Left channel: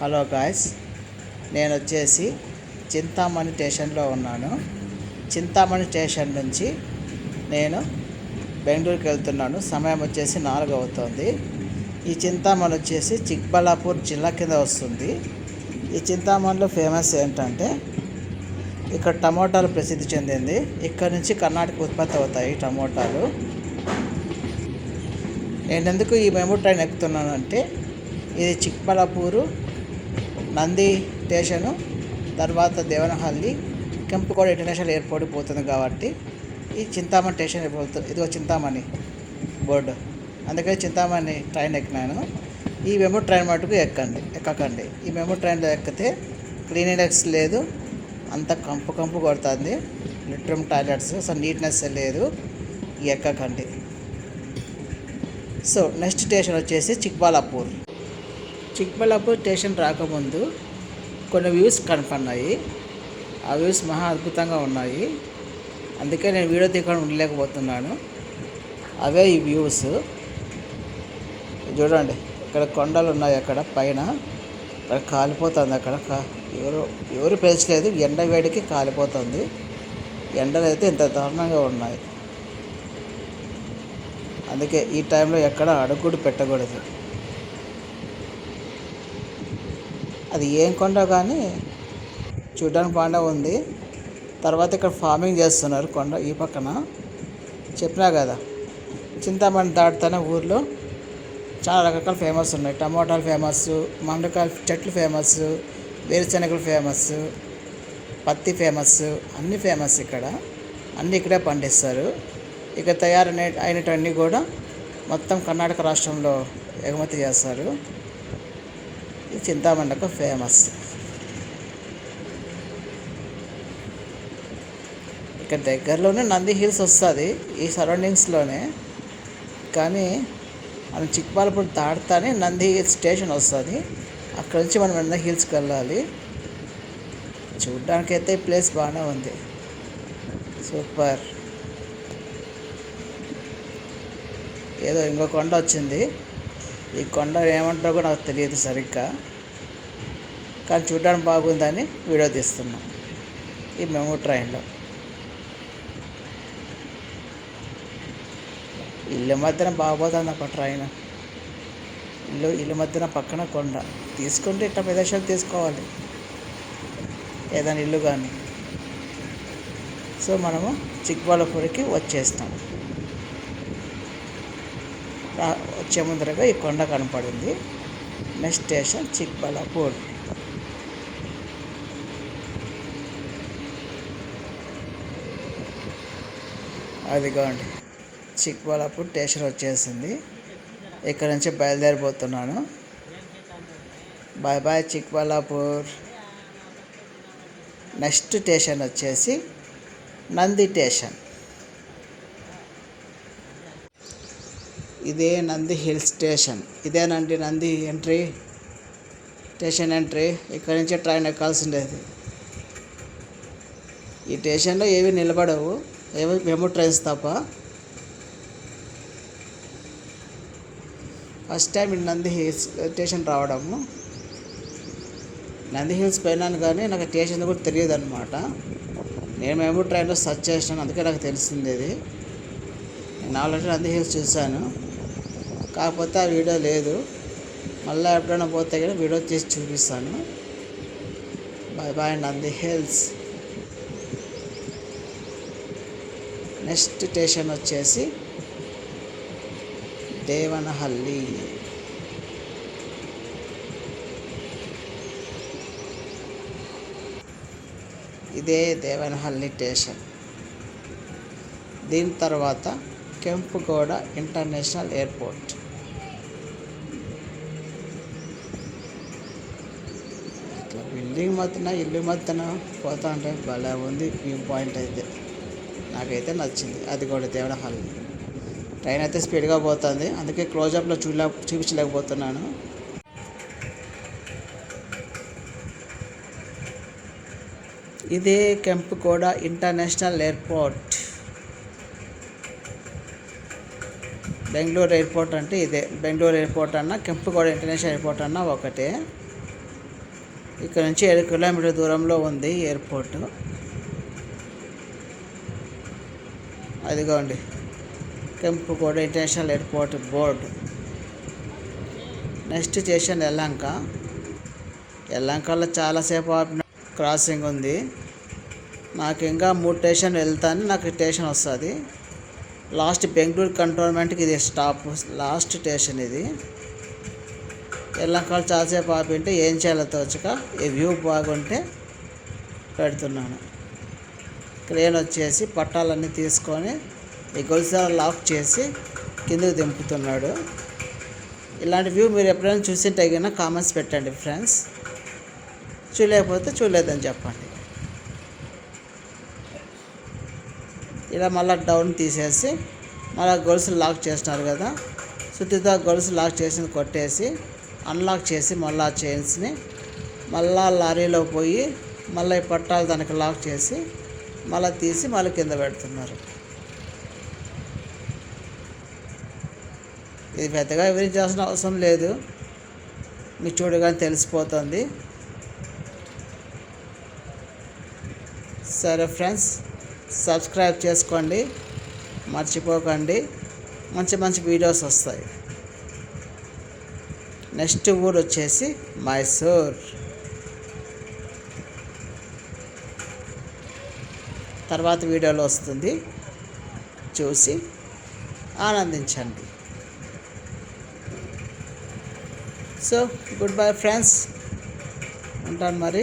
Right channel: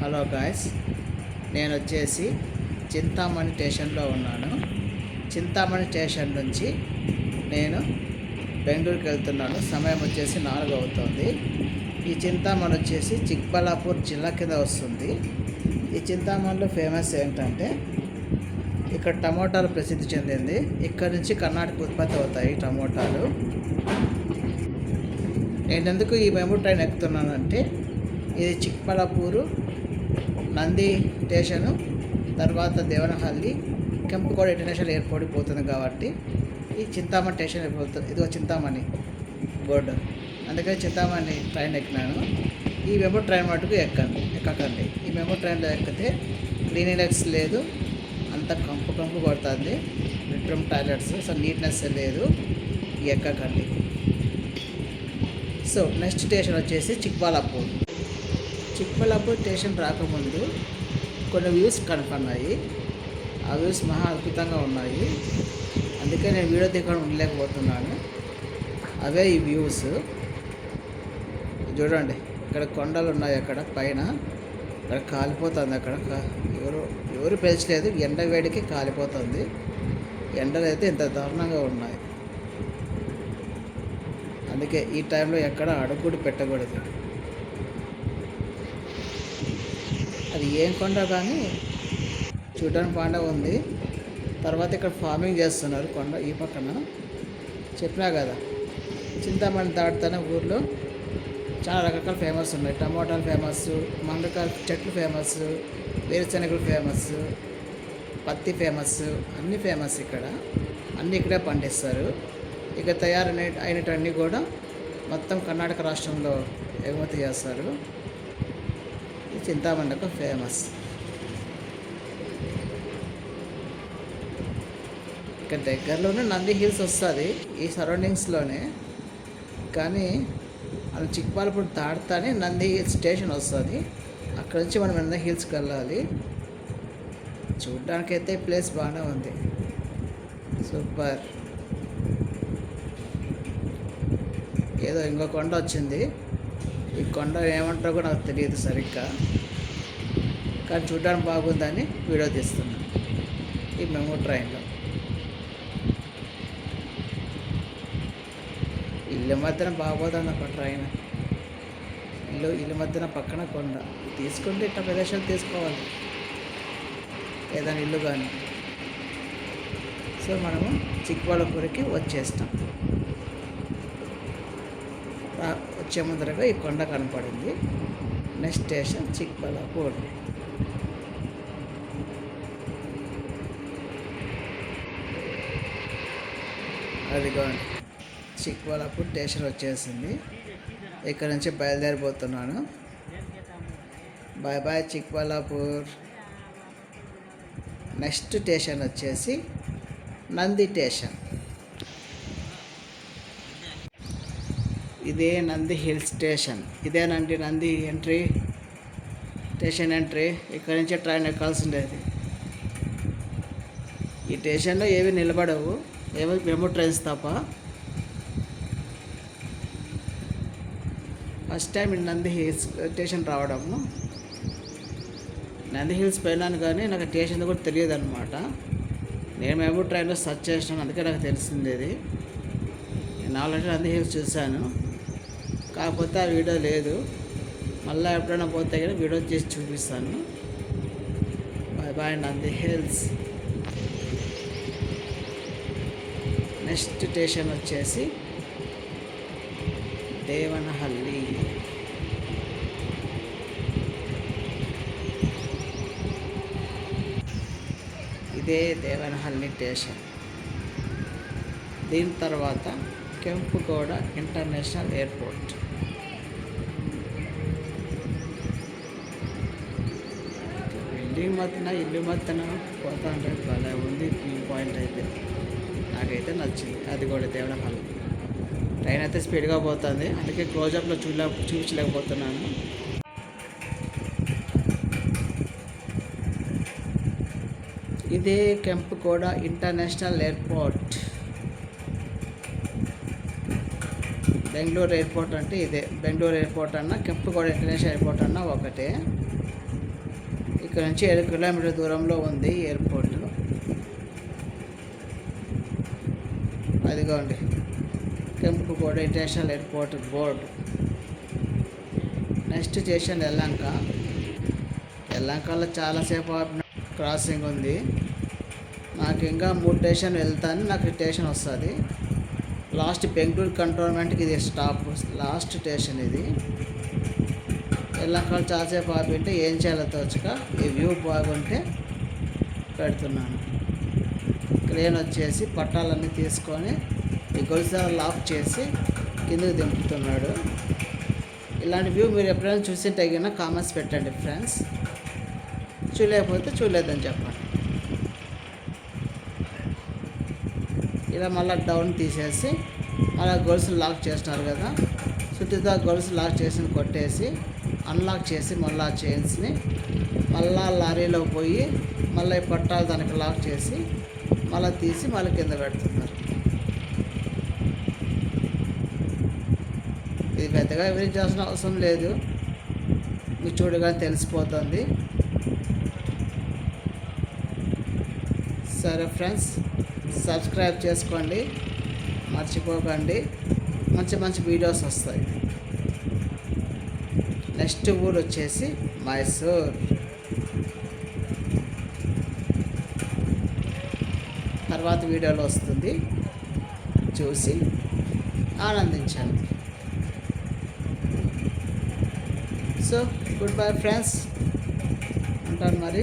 Hello guys, నేను వచ్చేసి చింతామణి స్టేషన్లో ఉన్నాను. చింతామణి స్టేషన్ నుంచి నేను బెంగళూరుకి వెళ్తున్నాను. సమయం వచ్చేసి 4 అవుతుంది. ఈ చింతామణి వచ్చేసి చిక్బళ్ళాపూర్ జిల్లా కింద వస్తుంది. ఈ చింతామణిలో ఫేమస్ ఏంటంటే ఇక్కడ టమోటాలు ప్రసిద్ధి చెందింది. ఇక్కడ నుంచి కర్ణాటక ఉత్పత్తి అవుతాయి టమోటాలు. నేను ఎందుకు ఈ మెమో ట్రైన్ ఎక్కుతున్నానంటే ఇది చిక్బళ్ళాపూరు, నంది స్టేషను, తర్వాత దేవనహల్లి, కెంపుకోట ఇంటర్నేషనల్ ఎయిర్పోర్ట్ పోతుంది కాబట్టి ఈ చింతామణి స్టేషన్ పోతుంది. ఇదిగో చింతామణి బోర్డు, అందుకని చింతామణి ట్రైన్ ఎక్కినాను. ఈ మెమో ట్రైన్ మటుకు ఎక్కకండి. ఈ మెమో ట్రైన్లో ఎక్కితే క్లీనినెస్ లేదు, అంత కంపు కొడుతుంది. బెడ్రూమ్ టాయిలెట్స్ అసలు నీట్నెస్ లేదు, ఎక్కకండి. సో నెక్స్ట్ స్టేషన్ వచ్చేసి చిక్బళ్ళాపూర్. చిక్బళ్ళాపూర్ స్టేషన్ రాకముందు కొన్ని వ్యూస్ కనపడినాయి. ఆ వ్యూస్ మహా అద్భుతంగా ఉన్నాయి. అందుకే నేను వీడియో తీయకుండా ఉండలేకపోతున్నాను. అవే ఈ వ్యూస్ చూడండి. ఇక్కడ కొండలు ఉన్నాయి, అక్కడ పైన అక్కడ కాలిపోతుంది. అక్కడ ఎవరు పెంచలేదు, ఎండ వేడికి కాలిపోతుంది. ఎండలు అయితే ఇంత దారుణంగా ఉన్నాయి. అందుకే ఈ టైంలో ఎక్కడ అడుగు పెట్టకూడదు. అది ఏం కొండ కానీ చూడడానికి బాగానే ఉంది. తర్వాత ఇక్కడ ఫార్మింగ్ చేస్తున్నారు కొండ ఈ పక్కన. చెప్పినా కదా, చింతామణి దాటుతూనే ఊర్లో చాలా రకరకాల ఫేమస్ ఉన్నాయి. టమోటాలు ఫేమస్, మంగకాయలు చెట్లు ఫేమస్, వేరుశనగలు ఫేమస్, పత్తి ఫేమస్, అన్నీ ఫేమస్ ఇక్కడ. అన్నీ ఇక్కడే పండిస్తారు. ఇక అయినటువన్నీ కూడా మొత్తం కర్ణాటక రాష్ట్రంలో ఎగుమతి చేస్తారు. ఈ చింతామణికి ఫేమస్. ఇక్కడ దగ్గరలోనే నంది హిల్స్ వస్తుంది, ఈ సరౌండింగ్స్లోనే. కానీ మనం చిక్బళ్ళాపూర్ దాటుతానే నంది హిల్స్ స్టేషన్ వస్తుంది. అక్కడ నుంచి మనం నంది హిల్స్కి వెళ్ళాలి. చూడ్డానికైతే ఈ ప్లేస్ బాగానే ఉంది, సూపర్. ఏదో ఇంకో కొండ వచ్చింది. ఈ కొండ ఏమంటారో కూడా నాకు తెలియదు సరిగ్గా, కానీ చూడడానికి బాగుందని వీడియో తీస్తున్నాం ఈ మెమో ట్రైన్లో. ఇల్లు మధ్యన బాగోతుంది అప్ప ట్రైన్. ఇల్లు మధ్యన పక్కన కొండ. తీసుకుంటే ఇట్లా ప్రదేశాలు తీసుకోవాలి, ఏదైనా ఇల్లు కానీ. సో మనము చిక్బళ్ళాపూర్కి వచ్చేస్తాం. వచ్చే ముందరగా ఈ కొండ కనపడింది. Next station Chikballapur. అదిగోండి, చిక్బళ్ళాపూర్ స్టేషన్ వచ్చేసింది. ఇక్కడ నుంచి బయలుదేరిపోతున్నాను. Bye bye Chikballapur. Next station వచ్చేసి నంది స్టేషన్. ఇదే నంది హిల్ స్టేషన్. ఇదేనండి నంది స్టేషన్ ఎంట్రీ. ఇక్కడ నుంచే ట్రైన్ ఎక్కాల్సిండేది. ఈ స్టేషన్లో ఏవి నిలబడవు, ఏవి మెమో ట్రైన్స్ తప్ప. ఫస్ట్ టైం ఈ నంది హిల్స్ స్టేషన్ రావడము. నంది హిల్స్ పోయినాను కానీ నాకు స్టేషన్ కూడా తెలియదు అనమాట. నేను మెమో ట్రైన్లో సెర్చ్ చేసినాను, అందుకే నాకు తెలిసింది ఇది. నేను ఆల్రెడీ నంది హిల్స్ చూశాను, కాకపోతే ఆ వీడియో లేదు. మళ్ళీ ఎప్పుడైనా పోతే కూడా వీడియో చేసి చూపిస్తాను. Bye bye Nandi Hills. Next station వచ్చేసి దేవనహల్లి. ఇదే దేవనహల్లి స్టేషన్. దీని తర్వాత కెంపుకోట ఇంటర్నేషనల్ ఎయిర్పోర్ట్. ఇల్లు మధ్యన పోతా ఉంటే భలే ఉంది. వ్యూ పాయింట్ అయితే నాకైతే నచ్చింది. అది కూడా దేవనహల్లి. ట్రైన్ అయితే స్పీడ్గా పోతుంది, అందుకే క్లోజప్లో చూపించలేకపోతున్నాను. ఇదే కెంపుకోట ఇంటర్నేషనల్ ఎయిర్పోర్ట్. బెంగళూరు ఎయిర్పోర్ట్ అంటే ఇదే. బెంగళూరు ఎయిర్పోర్ట్ అన్నా కెంపుకోట ఇంటర్నేషనల్ ఎయిర్పోర్ట్ అన్నా ఒకటే. ఇక్కడ నుంచి 7 కిలోమీటర్ దూరంలో ఉంది ఎయిర్పోర్ట్. అదిగోండి Kempegowda international airport board. Next station Yelahanka. యెల్హంకలో చాలాసేపు ఆపిన క్రాసింగ్ ఉంది. నాకు ఇంకా 3 స్టేషన్ వెళ్తాను, నాకు స్టేషన్ వస్తుంది. లాస్ట్ బెంగళూరు కంటోన్మెంట్కి ఇది స్టాప్, లాస్ట్ స్టేషన్ ఇది. యెల్హంకలో చాలాసేపు ఆపింటే ఏం చేయాలో తోచక ఈ వ్యూ బాగుంటే పెడుతున్నాను. క్రేన్ వచ్చేసి పట్టాలన్నీ తీసుకొని ఈ గొలుసు లాక్ చేసి కిందకి దింపుతున్నాడు. ఇలాంటి వ్యూ మీరు ఎప్పుడైనా చూసింటే కన్నా కామెంట్స్ పెట్టండి ఫ్రెండ్స్. చూడలేకపోతే చూడలేదని చెప్పండి. ఇలా మళ్ళీ డౌన్ తీసేసి మళ్ళీ గొలుసు లాక్ చేసినారు కదా, సుత్తితో గొలుసు లాక్ చేసి కొట్టేసి అన్లాక్ చేసి మళ్ళీ చైన్స్ని మళ్ళీ లారీలో పోయి మళ్ళీ పట్టాలు దానికి లాక్ చేసి మళ్ళీ తీసి మళ్ళీ కింద పెడుతున్నారు. ఇది పెద్దగా వివరించాల్సిన అవసరం లేదు, మీకు చూడగానే తెలిసిపోతుంది. సరే ఫ్రెండ్స్, సబ్స్క్రైబ్ చేసుకోండి, మర్చిపోకండి. మంచి మంచి వీడియోస్ వస్తాయి. నెక్స్ట్ ఊరు వచ్చేసి మైసూర్. తర్వాత వీడియోలో వస్తుంది, చూసి ఆనందించండి. సో గుడ్ బై ఫ్రెండ్స్, ఉంటాను మరి.